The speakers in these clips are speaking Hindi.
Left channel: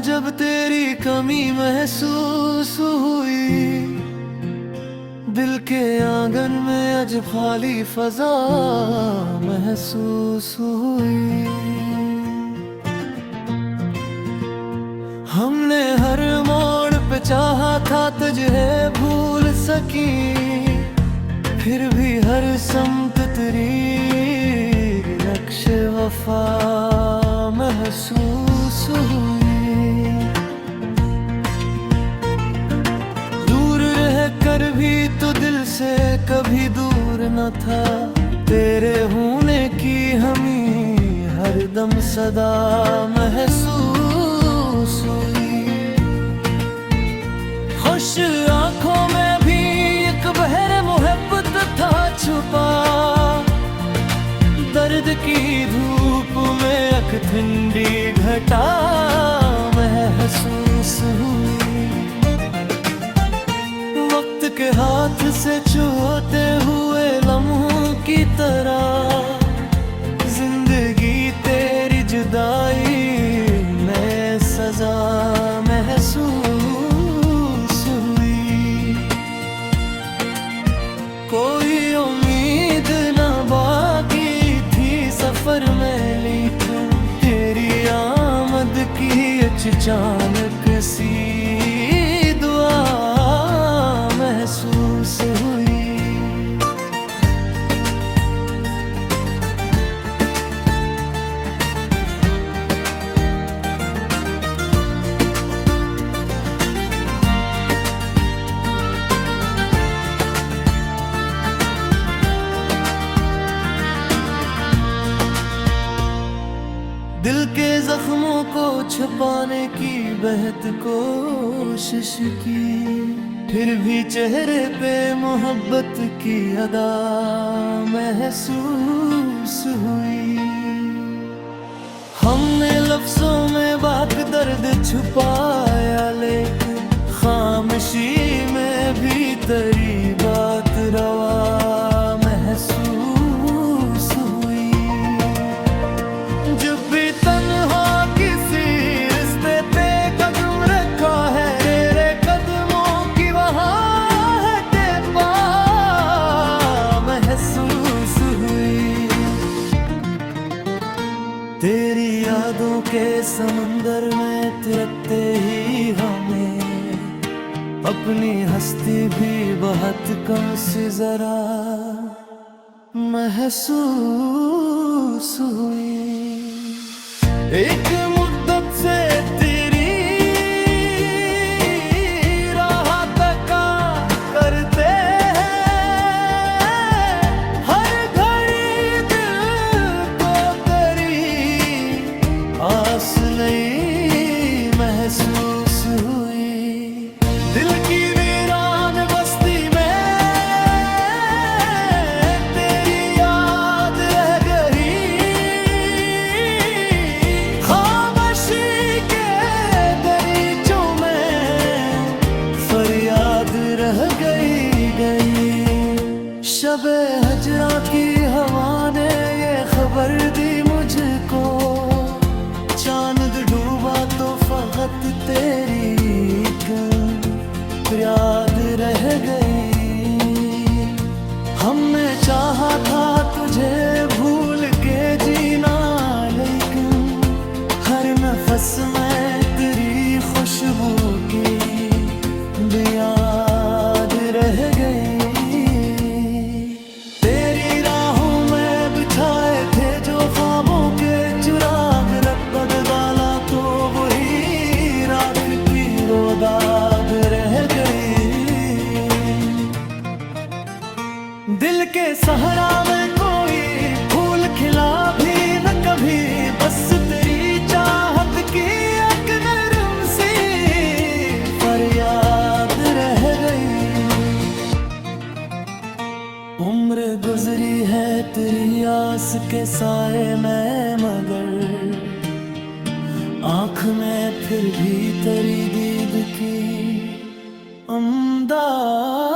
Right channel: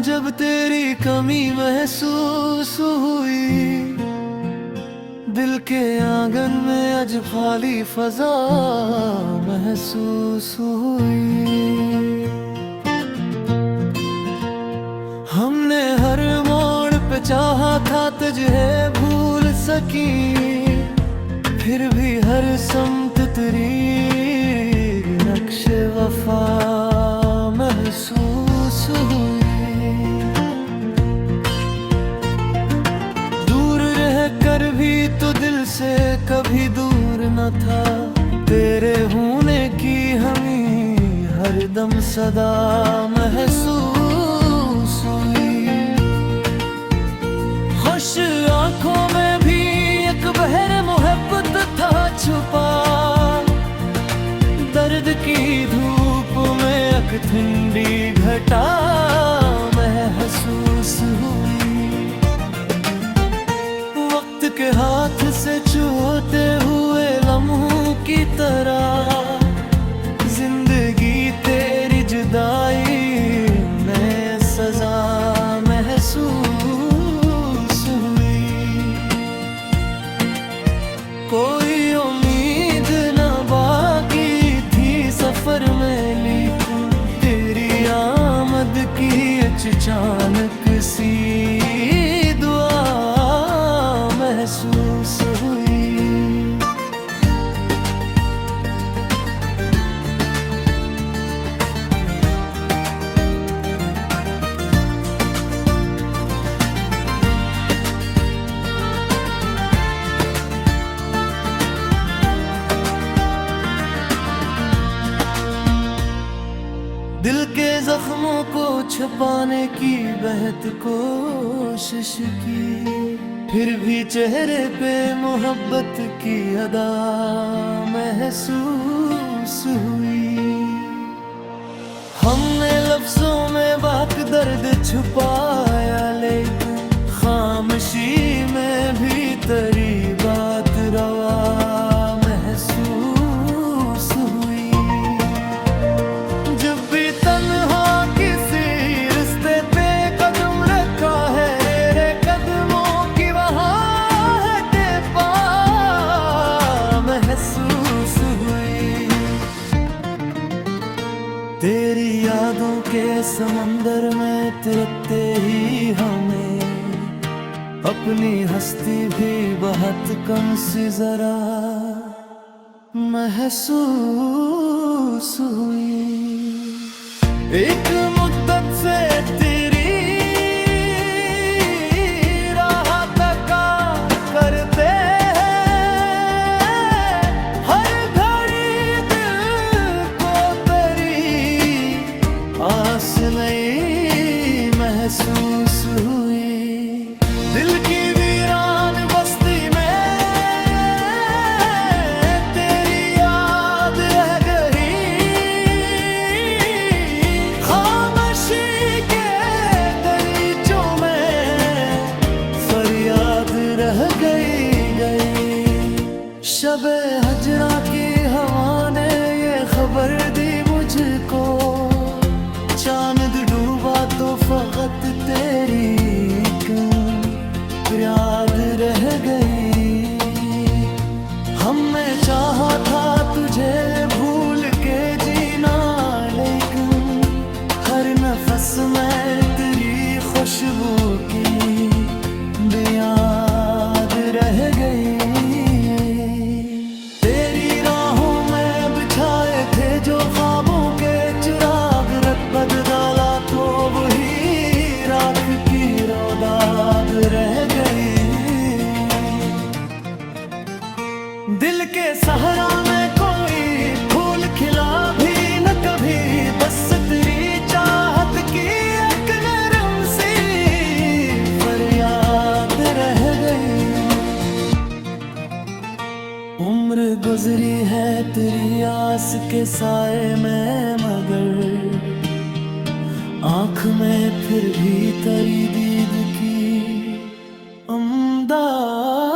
में जब तेरी कमी महसूस हुई, दिल के आंगन में आज खाली फजा महसूस हुई। हमने हर मोड़ पे चाहा था तुझे भूल सकी, फिर भी हर समत तेरी नक्श वफा महसूस हुई। दूर रह कर भी तो दिल से कभी दूर न था, तेरे होने की हमें हर दम सदा महसूस हुई। खुश आंखों में भी एक बहर मोहब्बत था छुपा, दर्द की धूप में एक ठंडी घटा महसूस हुई। वक्त के हाथ से छूते हुए लम्हों की तरह, जिंदगी तेरी जुदाई में सजा महसूस हुई। कोई उम्मीद न बाकी थी सफर में, लेकिन तेरी आमद की अचानक सी दुआ महसूस हुई। दिल के जख्मों को छुपाने की बेहद कोशिश की, फिर भी चेहरे पे मोहब्बत की अदा महसूस हुई। हमने लफ्जों में बात दर्द छुपाया, लेकिन खामोशी में भी तेरी बात रवा महसूस हुई। जब भी तन्हा किसी रिश्ते पे कदम रखा है, तेरे कदमों की वहाँ है टेपा महसूस हुई। तेरी यादों के समंदर में तिरकते ही हमें अपनी हस्ती भी बहुत कम सी जरा महसूस हुई। एक मुद्दत से तेरी राह तका करते हैं, हर घड़ी दिल को तेरी आस नहीं महसूस हुई। दिल की वीरान बस्ती में रह गई। शबे हजरा की हवा ने ये खबर दी मुझको, चांद डूबा तो फकत तेरी याद रह गई। हमने चाहा था तुझे भूल के जीना, लेकिन हर नफस में तेरी खुशबू की याद रह गई। तेरी राहों में बिछाए थे जो ख्वाबों के चिराग, रत बदला तो वही राख की रोदाद रह गई। दिल के सहरा में कोई फूल खिला भी न कभी, बस तेरी चाहत की एक नरम सी फरियाद रह गई। उम्र गुजरी है तेरी आस के साए में, मगर आँख में फिर भी तेरी दीद की अमदाद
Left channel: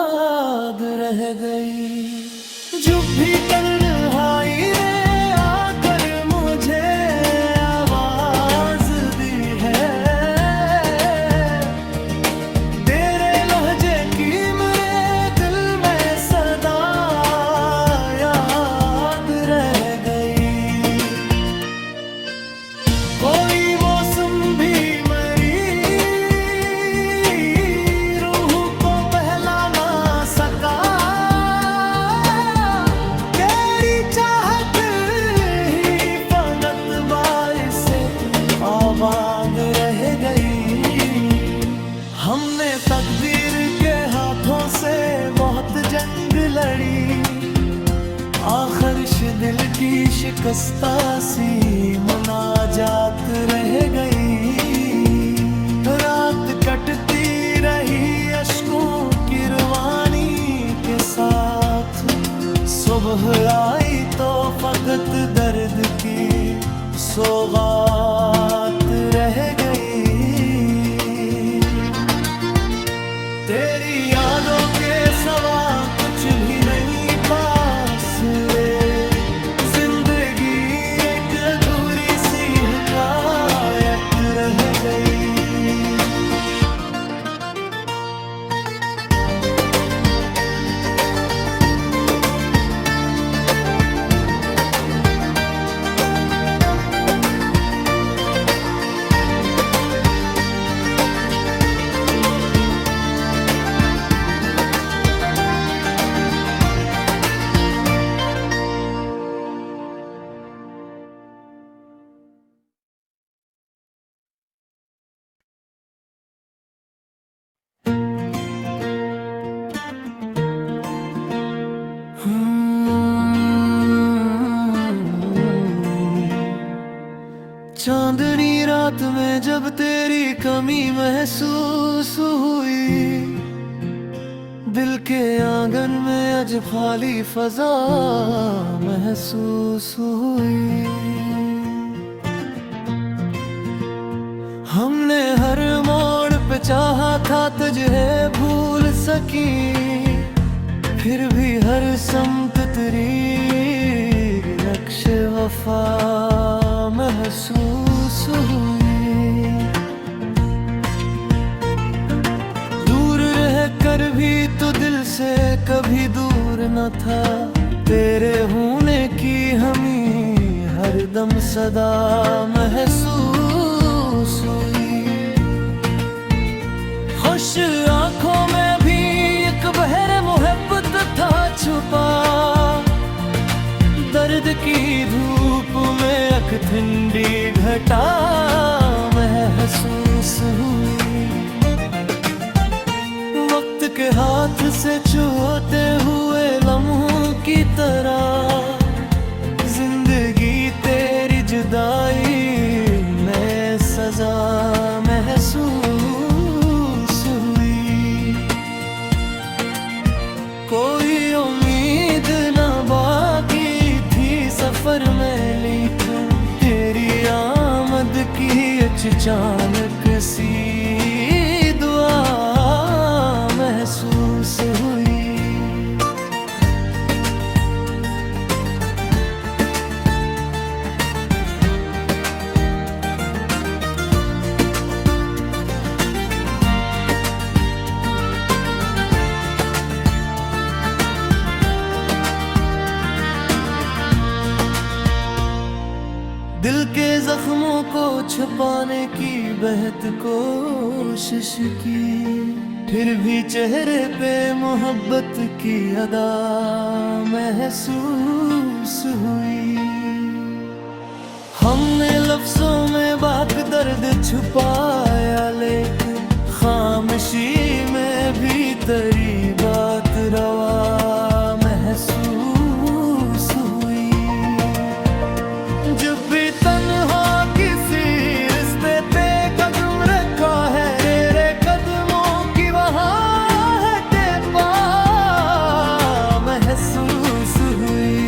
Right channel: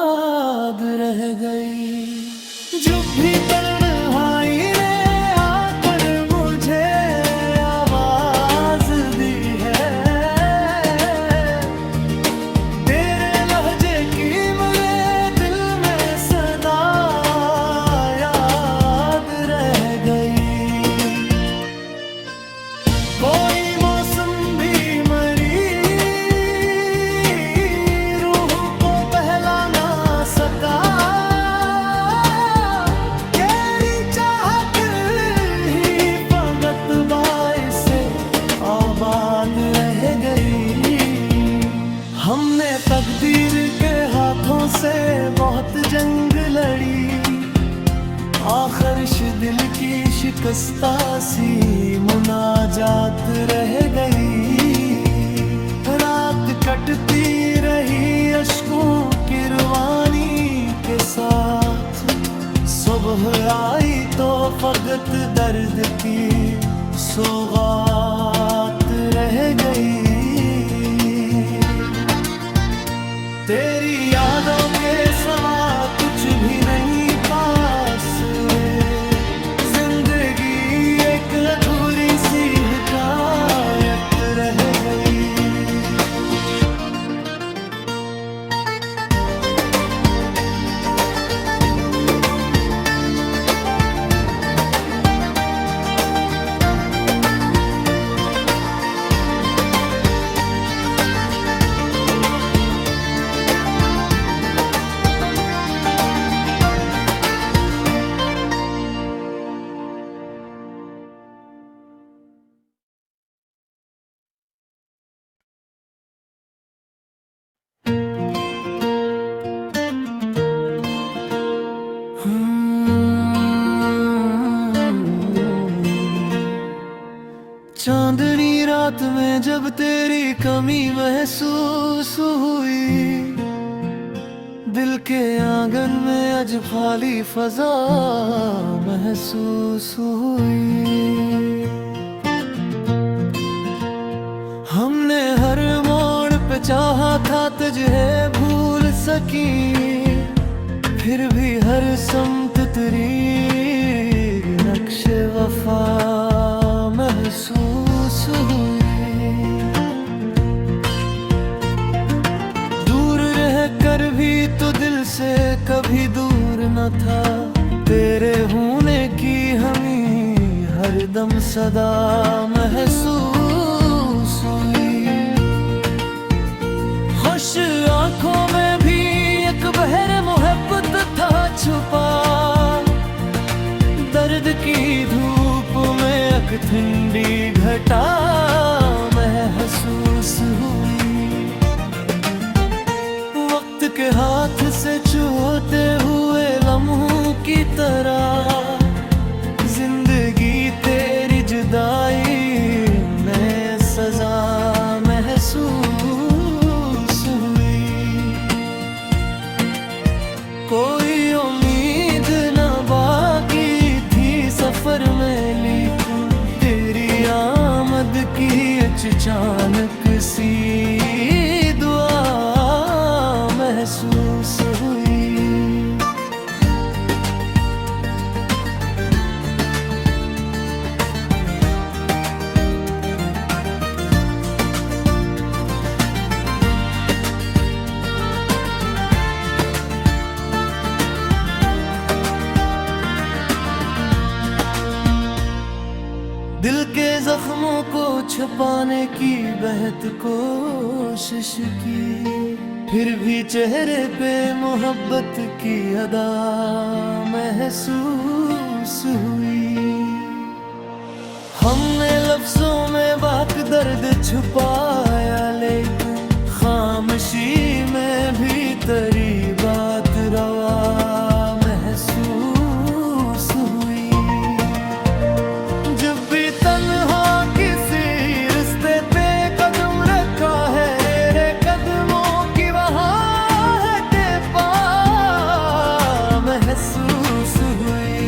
रह गई। जो भी तन्हाई ने आकर मुझे आवाज दी है, तकदीर के हाथों से बहुत जंग लड़ी, आखिर दिल की शिकस्ता सी मुनाजात रह गई। रात कटती रही अश्कों की रवानी के साथ, सुबह आई तो फकत दर्द की सौगात रह गई। तेरी यादों के सवा कुछ भी नहीं पास रे, जिंदगी एक अधूरी सी हिकायत रह गई। चांदनी रात में जब तेरी कमी महसूस हुई, दिल के आंगन में आज खाली फजा महसूस हुई। हमने हर मोड़ पे चाहा था तुझे भूल सकी, फिर भी हर समत तेरी नक्श वफा महसूस हुई। दूर रह कर भी तो दिल से कभी दूर न था, तेरे होने की हमें हर दम सदा महसूस हुई। खुश आंखों में भी एक बहर मोहब्बत था छुपा, दर्द की धूप में एक ठंडी घटा महसूस हुई। वक्त के हाथ से छूते हुए लम्हों की तरह, जिंदगी तेरी जुदाई में सजा महसूस हुई। कोई उम्मीद न बाकी सफर में, लेकिन तेरी आमद की अचानक सी दुआ महसूस हुई। दिल के जख्मों को छुपाने की बेहद कोशिश की, फिर भी चेहरे पे मोहब्बत की अदा महसूस हुई। हमने लफ्जों में बात दर्द छुपाया, लेकिन खामोशी में भी तेरी बात रवा महसूस हुई। जब भी तन्हा किसी रिश्ते पे कदम रखा है, तेरे कदमों की वहाँ है टेपा महसूस हुई।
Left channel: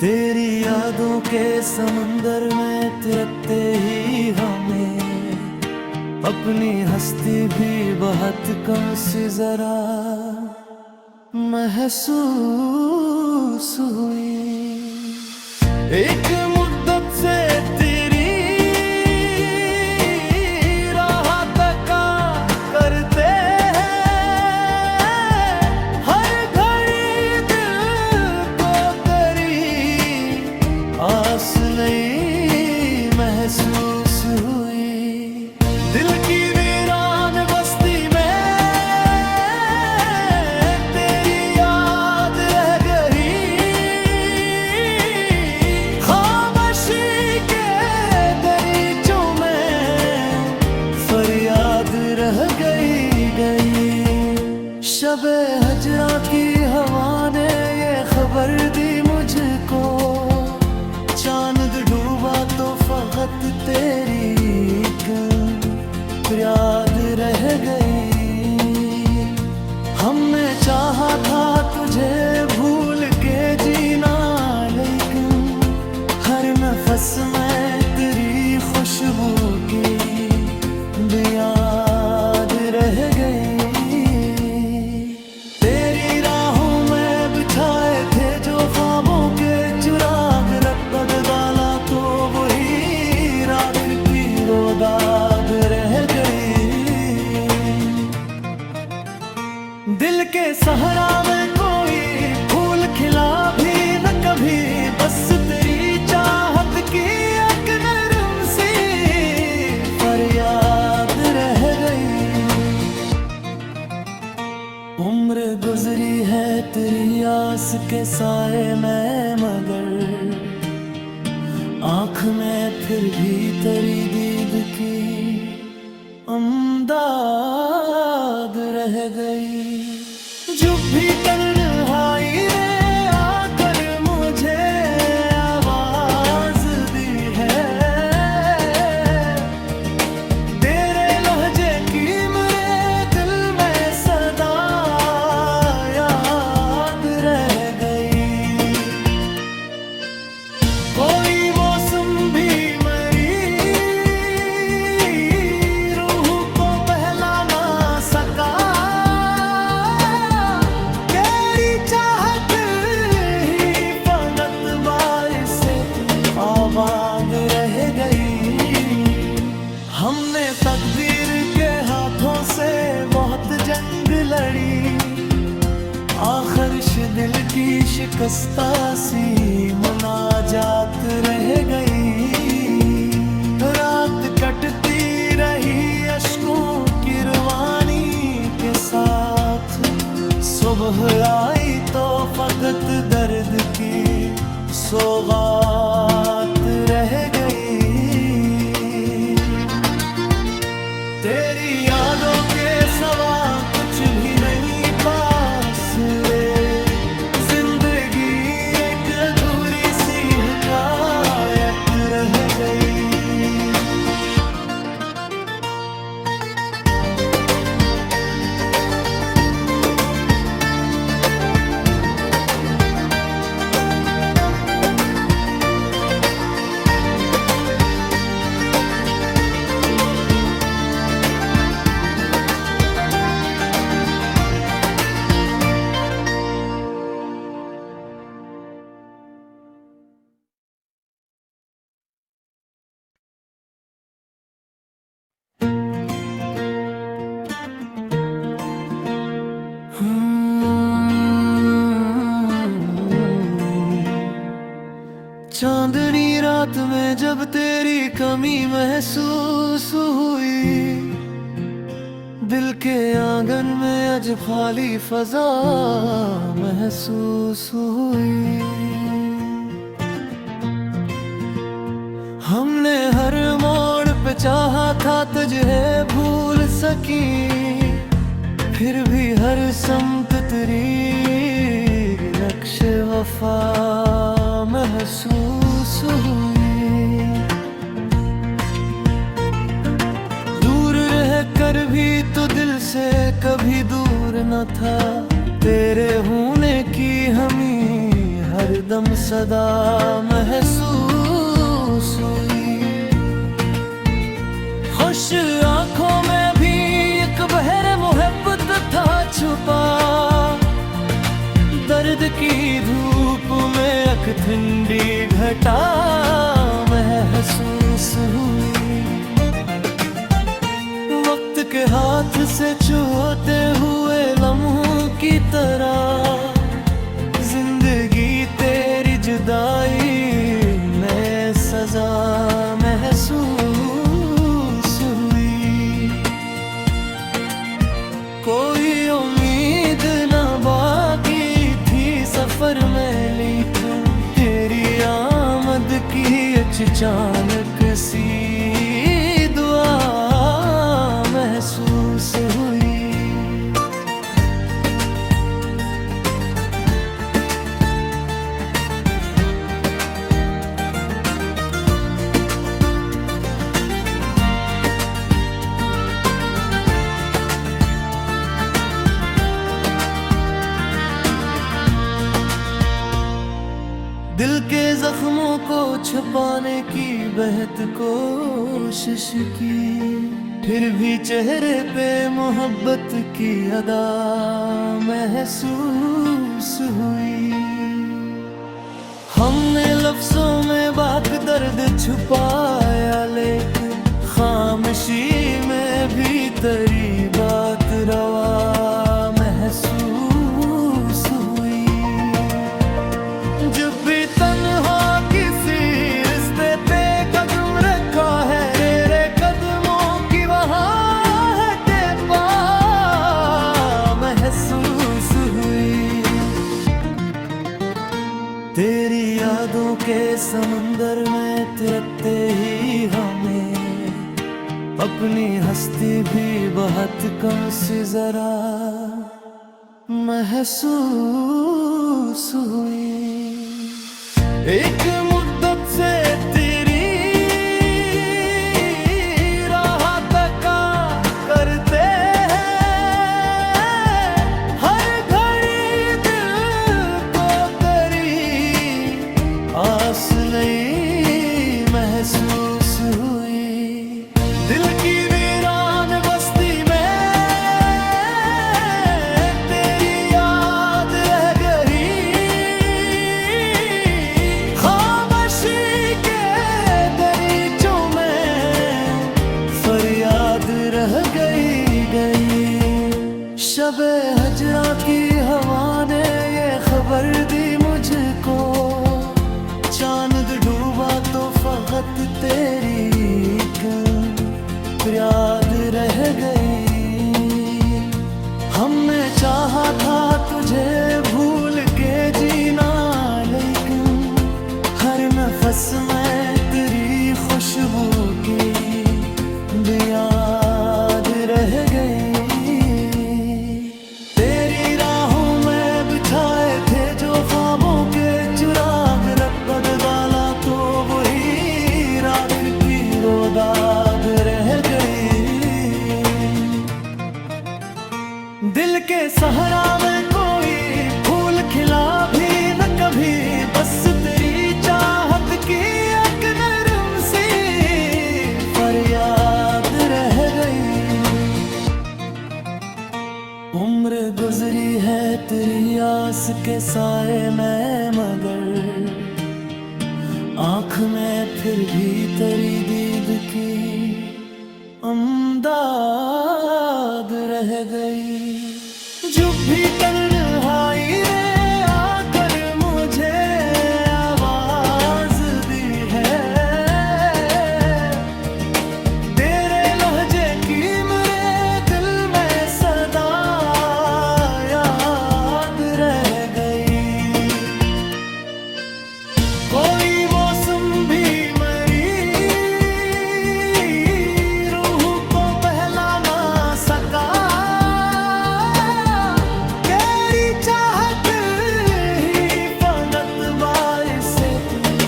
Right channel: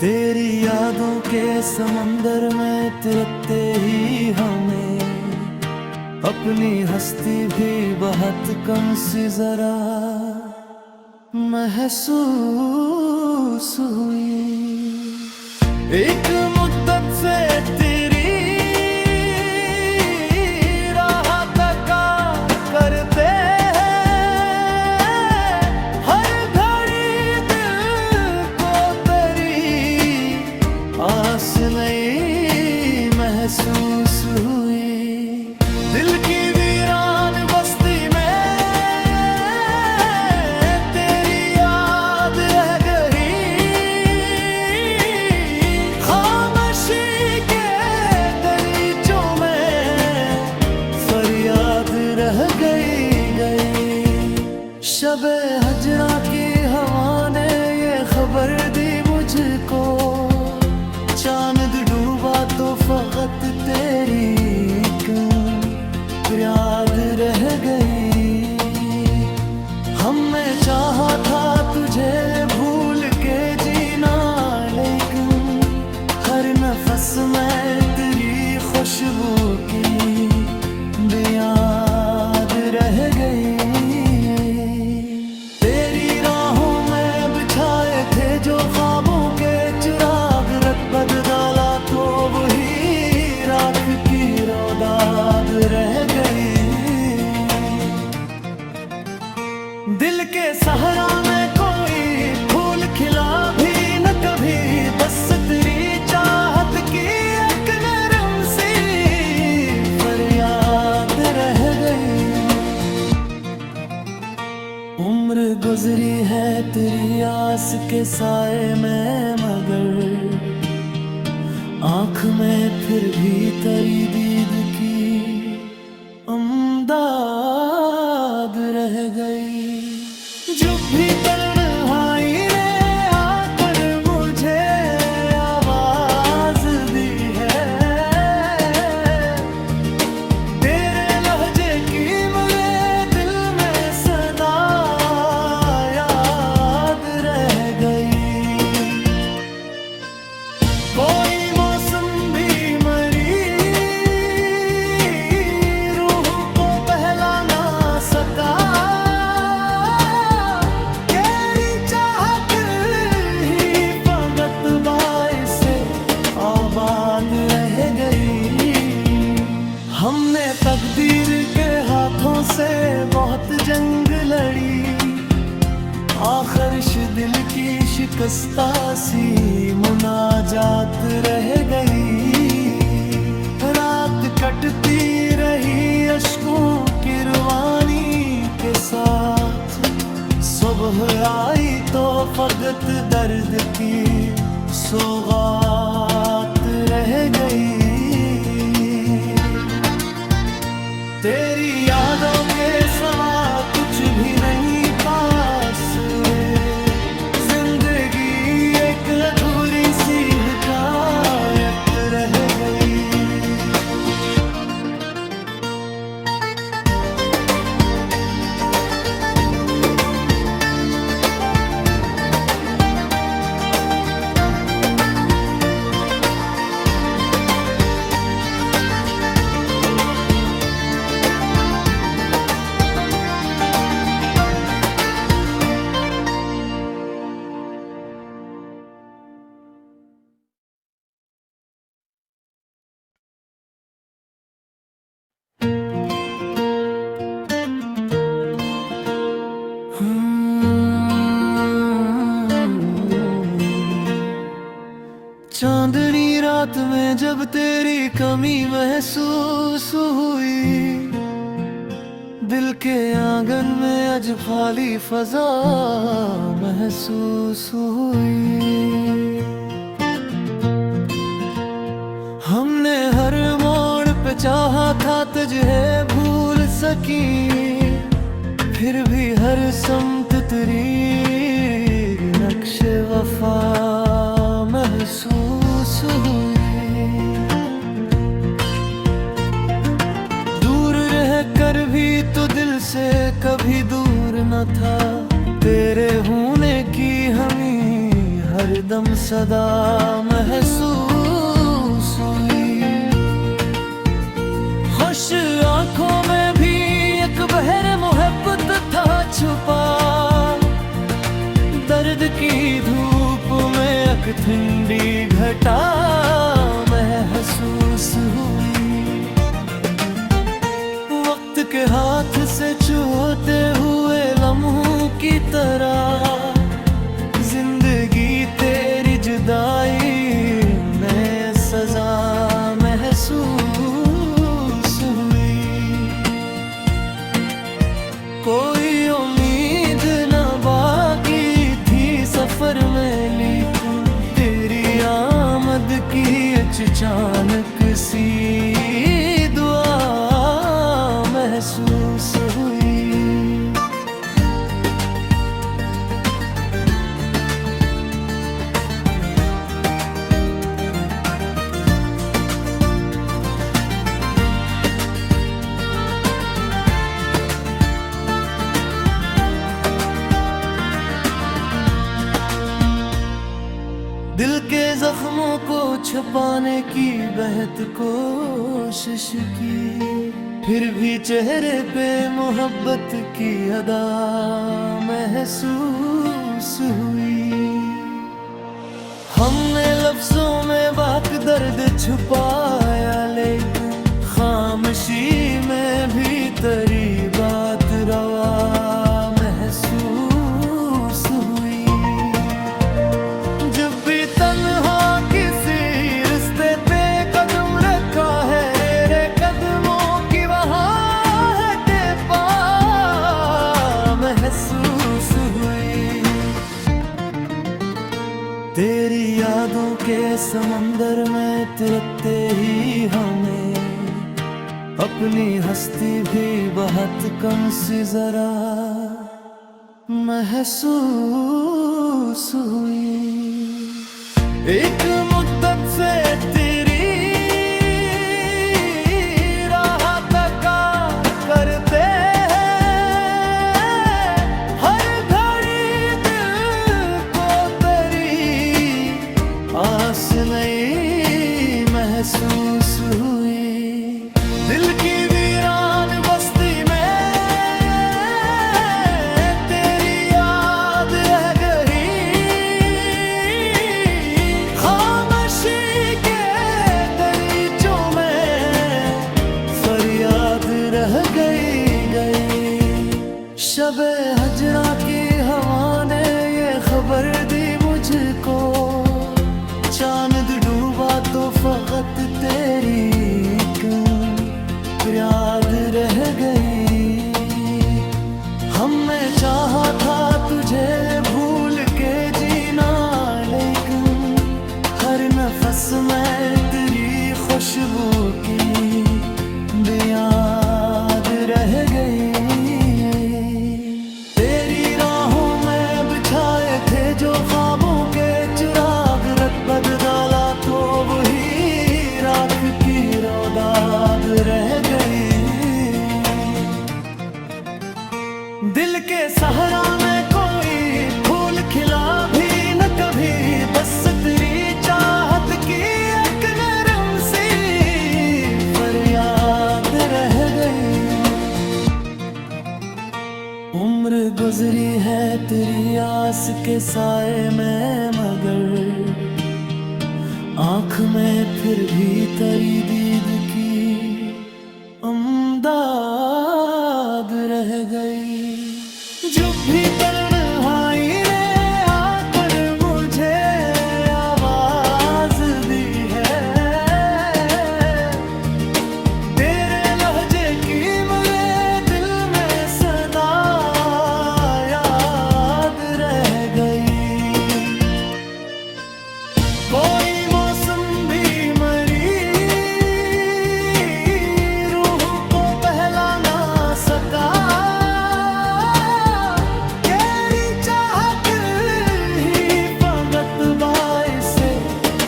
तेरी यादों के समंदर में तिरकते ही हमें अपनी हस्ती भी बहुत कम सी जरा महसूस हुई। एक मुद्दत से तेरी राह तका करते हैं, हर घड़ी दिल को तेरी आस नहीं महसूस हुई। दिल की वीरान बस्ती में रह गई। शबे हजरा की हवा ने ये खबर दी मुझको, चांद डूबा तो फकत तेरी याद रह गई। हमने चाहा था तुझे भूल के जीना, लेकिन हर नफस में तेरी खुशबू की याद रह गई। तेरी राहों में बिछाए थे जो ख्वाबों के चिराग, रत बदला तो वही राख की रोदाद रह गई। दिल के सहरा में कोई फूल खिला भी न कभी, बस तेरी चाहत की एक नरम सी फरियाद रह गई। उम्र गुजरी है तेरी आस के साए में, मगर आँख में फिर भी तेरी दीद की अमदाद रह गई। जो भी तन्हाई ने आकर मुझे आवाज दी है, तेरे लहजे की मेरे दिल में सदा याद रह गई। कोई मौसम भी मरी रूह को बहला ना सका, तेरी चाहत ही फकत बाइस से आबाद रह गई। हमने तकदीर के हाथों से बहुत जंग लड़ी, आखिर दिल की शिकस्ता सी मुनाजात रह गई। रात कटती रही अश्कों की रवानी के साथ, सुबह आई तो फकत दर्द की सौगात रह गई। तेरी यादों के सवा कुछ भी नहीं पास रे, जिंदगी एक अधूरी सी हिकायत रह गई। चांदनी रात में जब तेरी कमी महसूस हुई, दिल के आंगन में आज खाली फजा महसूस हुई। हमने हर मोड़ पे चाहा था तुझे भूल सकी, फिर भी हर समत तेरी नक्श वफा महसूस हुई। दूर रह कर भी तो दिल से कभी दूर न था, तेरे होने की हमें हरदम सदा महसूस हुई। खुश आंखों में भी एक बहर मोहब्बत था छुपा, दर्द की धूप में एक ठंडी घटा महसूस हुई। वक्त के हाथ से छूते हुए लम्हों की तरह, जिंदगी तेरी जुदाई में सजा महसूस हुई। कोई उम्मीद न बाकी थी सफर में, लेकिन तेरी आमद की अचानक सी दुआ महसूस जख्मों को छुपाने की बेहद कोशिश की, फिर भी चेहरे पे मोहब्बत की अदा महसूस हुई। हमने लफ्जों में बात दर्द छुपाया, लेकिन खामोशी में भी तेरी बात रवा महसूस हुई। जब भी तन्हा किसी रिश्ते पे कदम रखा है, तेरे कदमों की वहाँ है टेपा महसूस हुई। तेरी यादों के समंदर में तिरते ही हमें अपनी हस्ती भी बहुत कम सी जरा महसूस हुई। एक मुद्दत से तेरी राह तका करते हैं, हर घड़ी दिल को तेरी आस नहीं महसूस हुई। दिल की वीरान बस्ती में तेरी याद रह गई, खामोशी के दरीचों में फरियाद रह गई। शबे हजरा की हवा ने ये खबर दी मुझको, चांद डूबा तो फकत तेरी याद रह गई। हमने चाहा था तुझे भूल के जीना, लेकिन हर नफस में तेरी खुशबू की याद रह गई। तेरी राहों में बिछाए थे जो ख्वाबों के चिराग, रत बदला तो वही राख की रोदाद रह गई। दिल के सहरा में कोई फूल खिला भी न कभी, बस तेरी चाहत की एक नरम सी फरियाद रह गई। उम्र गुजरी है तेरी आस के साए में, मगर आँख में फिर भी तेरी दीद की अमदाद रह गई। जो भी तन्हाई ने आकर मुझे आवाज दी है, तेरे लहजे की मेरे दिल में सदा याद रह गई। कोई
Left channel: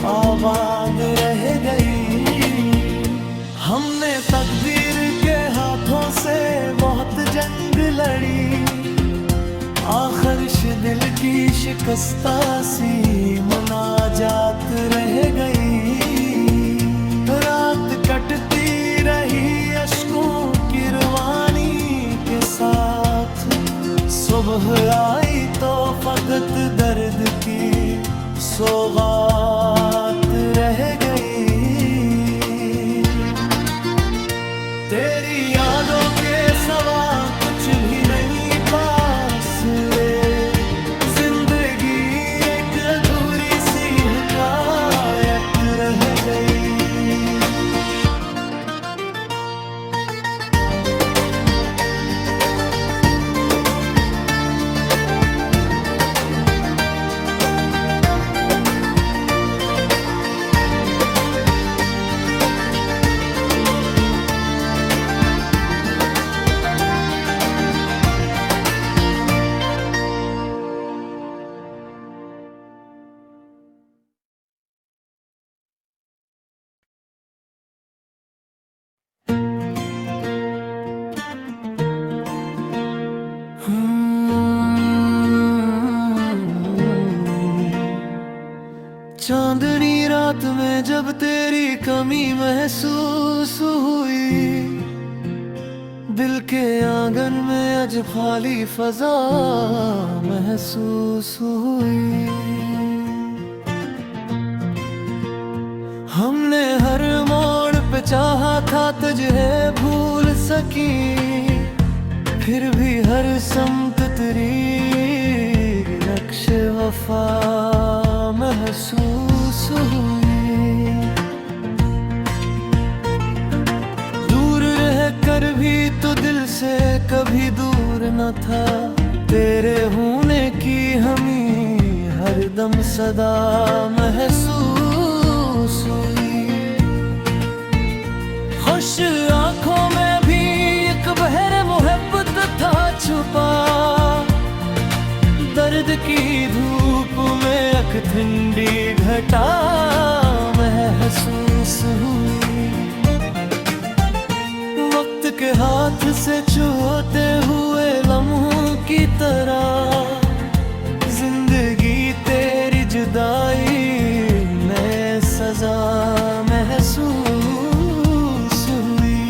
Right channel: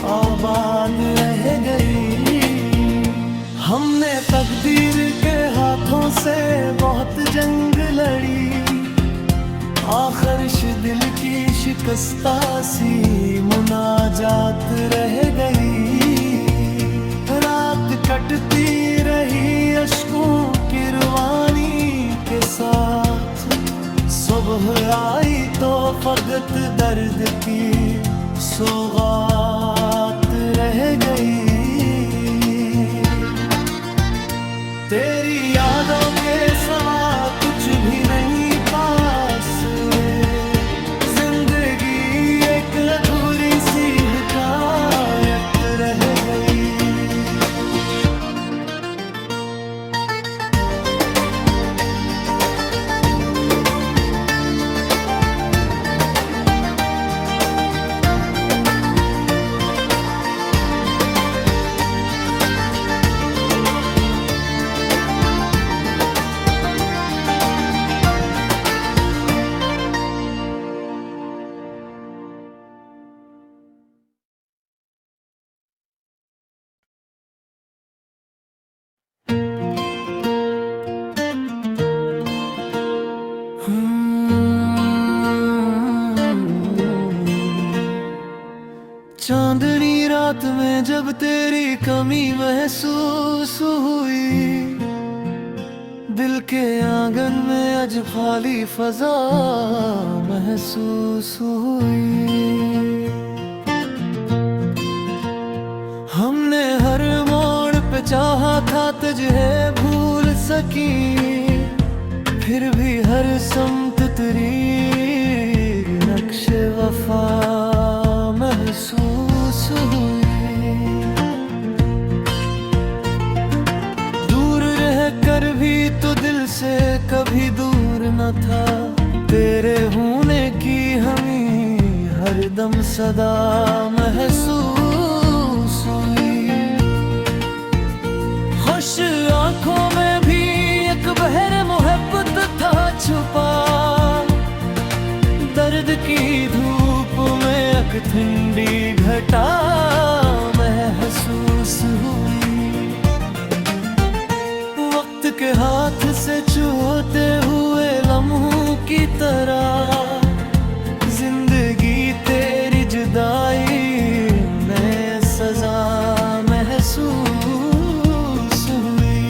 आबाद रह गई। हमने तकदीर के हाथों से बहुत जंग लड़ी, आखिर दिल की शिकस्ता सी मुनाजात रह गई। रात कटती रही अश्कों की रवानी के साथ, सुबह आई तो फकत दर्द की सौगात रह गई। तेरी यादों के सवा कुछ भी नहीं पास रे, जिंदगी एक अधूरी सी हिकायत रह गई। में जब तेरी कमी महसूस हुई, दिल के आंगन में आज खाली फजा महसूस हुई। हमने हर मोड़ पे चाहा था तुझे भूल सकी, फिर भी हर समत तेरी नक्श वफा महसूस हुई। दूर रह कर भी तो दिल से कभी दूर न था, तेरे होने की हमें हर दम सदा महसूस हुई। खुश आंखों में भी एक बहर मोहब्बत था छुपा, दर्द की धूप में एक ठंडी घटा महसूस हुई। वक्त के हाथ से छूते हुए लम्हों की तरह, जिंदगी तेरी जुदाई में सजा महसूस हुई।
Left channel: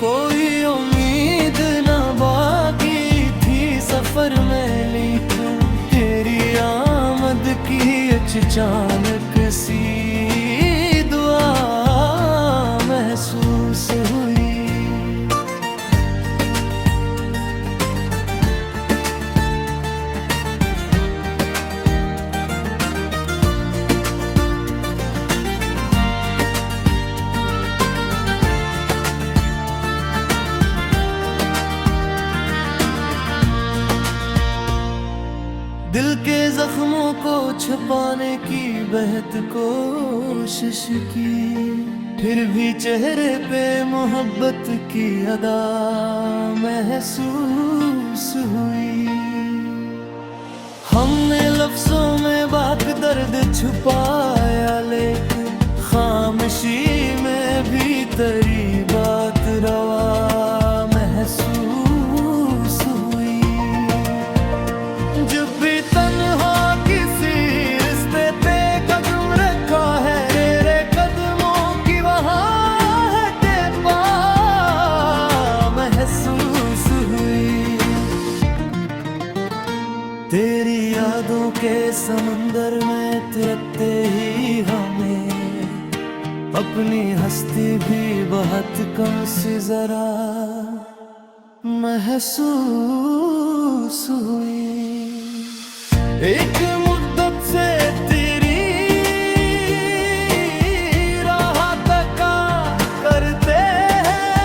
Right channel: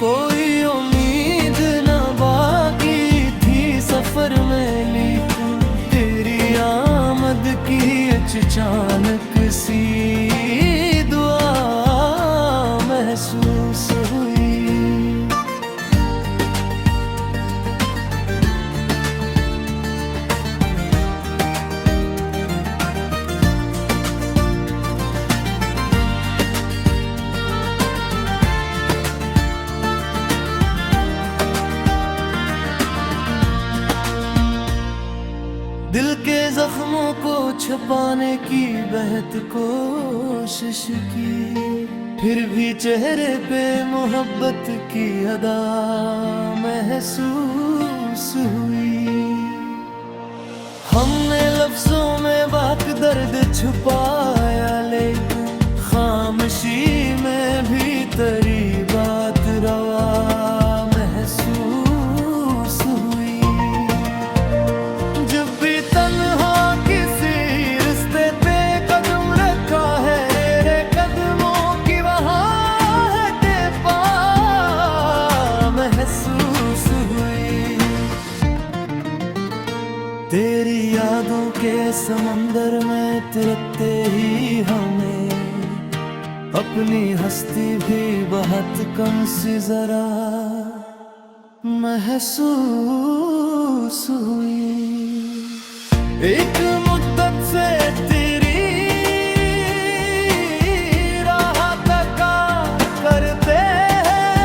कोई उम्मीद न बाकी थी सफर में, लेकिन तेरी आमद की अचानक सी दुआ महसूस हुई। दिल के जख्मों को छुपाने की बेहद कोशिश की, फिर भी चेहरे पे मोहब्बत की अदा महसूस हुई। हमने लफ्जों में बात दर्द छुपाया, लेकिन खामोशी में भी तेरी बात रवा महसूस हुई। जब भी तन्हा किसी रिश्ते पे कदम रखा है, तेरे कदमों की वहाँ है टेपा महसूस हुई। तेरी यादों के समंदर में तिरते ही हमें अपनी हस्ती भी बहुत कम सी जरा महसूस हुई। एक मुद्दत से तेरी राह तका करते हैं,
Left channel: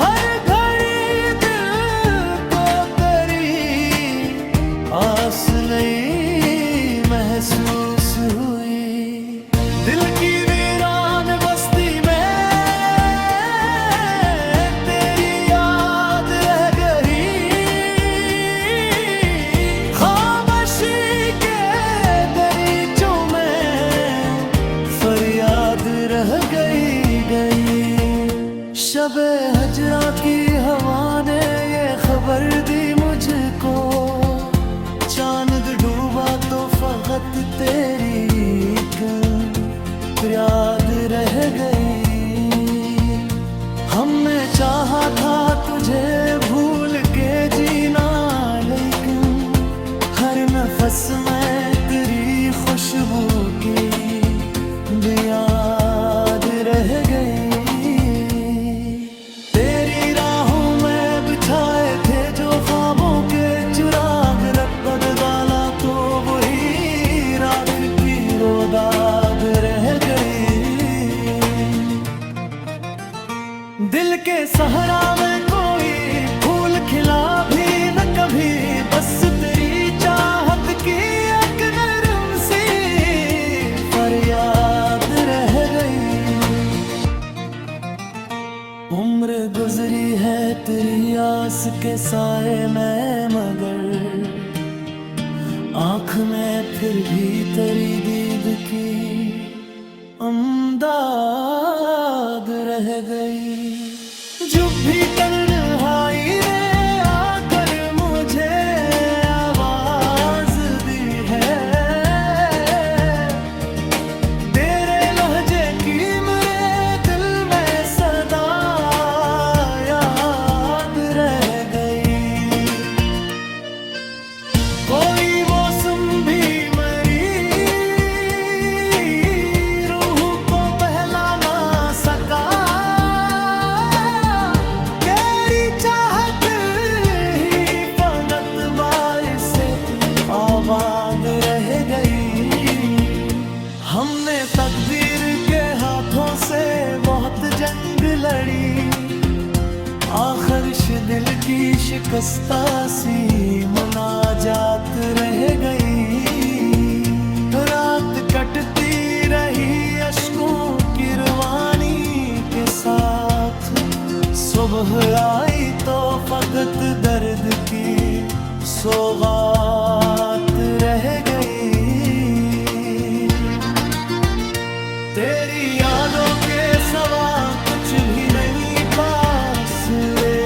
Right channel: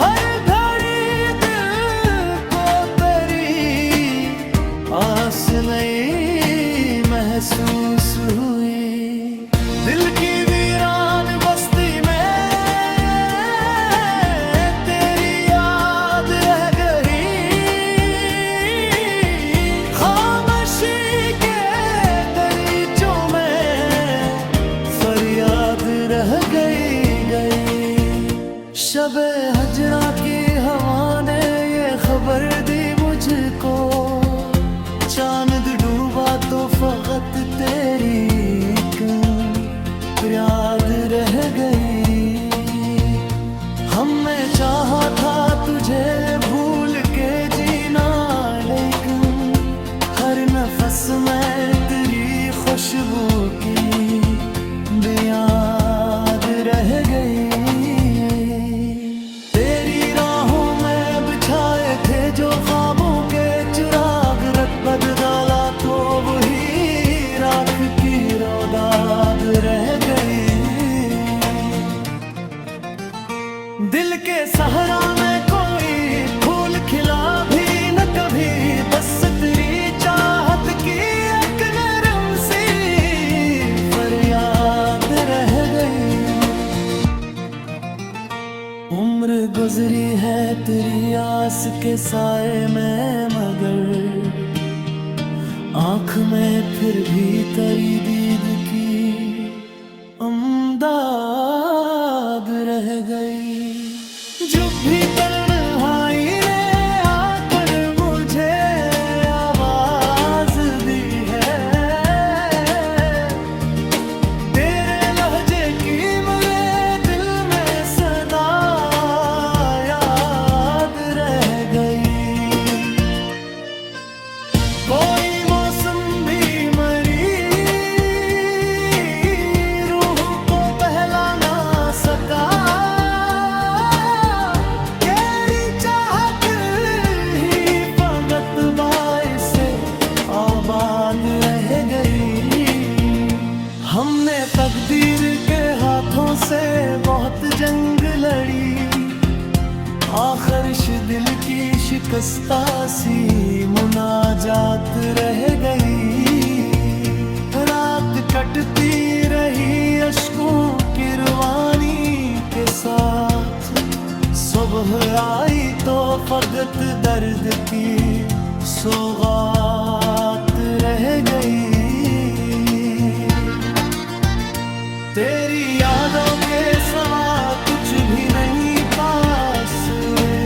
हर घड़ी दिल को तेरी आस नहीं महसूस हुई। दिल की वीरान बस्ती में रह गई। शबे हजरा की हवा ने ये खबर दी मुझको, चांद डूबा तो फकत तेरी याद रह गई। हमने चाहा था तुझे भूल के जीना, लेकिन हर नफस में तेरी खुशबू की याद रह गई। तेरी राहों में बिछाए थे जो ख्वाबों के चिराग, रत बदला तो वही राख की रोदाद रह गई। दिल के सहरा में कोई फूल खिला भी न कभी, बस तेरी चाहत की एक नरम सी फरियाद रह गई। उम्र गुजरी है तेरी आस के साए में, मगर आँख में फिर भी तेरी दीद की अमदाद रह गई। जो भी तन्हाई ने आकर मुझे आवाज दी है, हाथों से बहुत जंग लड़ी, आखिर दिल की शिकस्ता सी मुनाजात रह गई। रात कटती रही अश्कों की रवानी के साथ, सुबह आई तो फकत दर्द की सौगात रह गई। तेरी यादों के सवा कुछ भी नहीं पास रे,